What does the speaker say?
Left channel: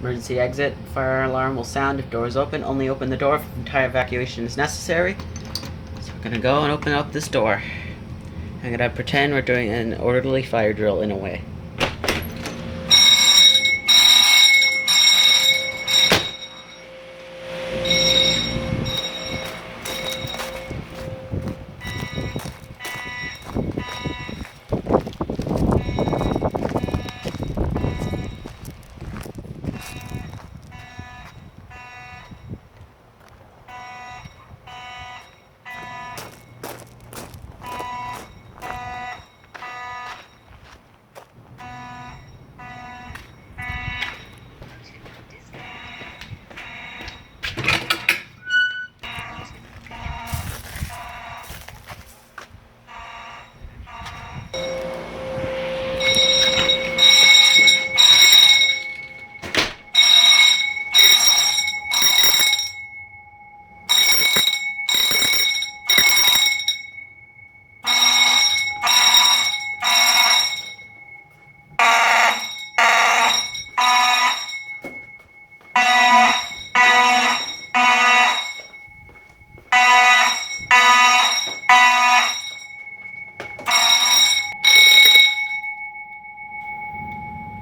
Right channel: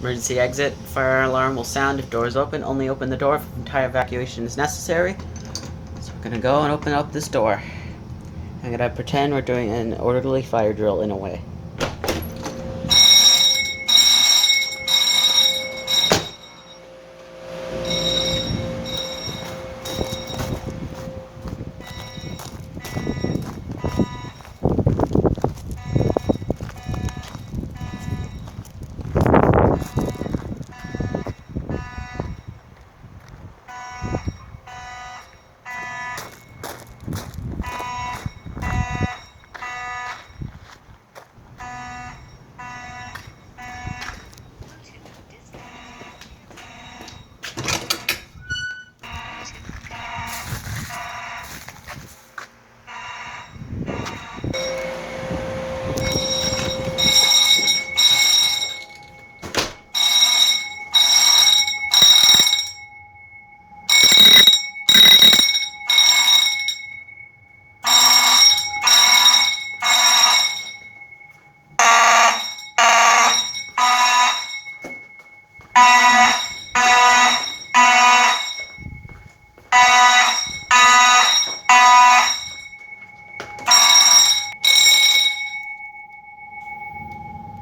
Emergency exit. Fire alarm will sound if door is open. Only open the door if entire evacuation is necessary. So we're gonna go and open up this door. I'm gonna pretend we're doing an orderly fire drill in a way.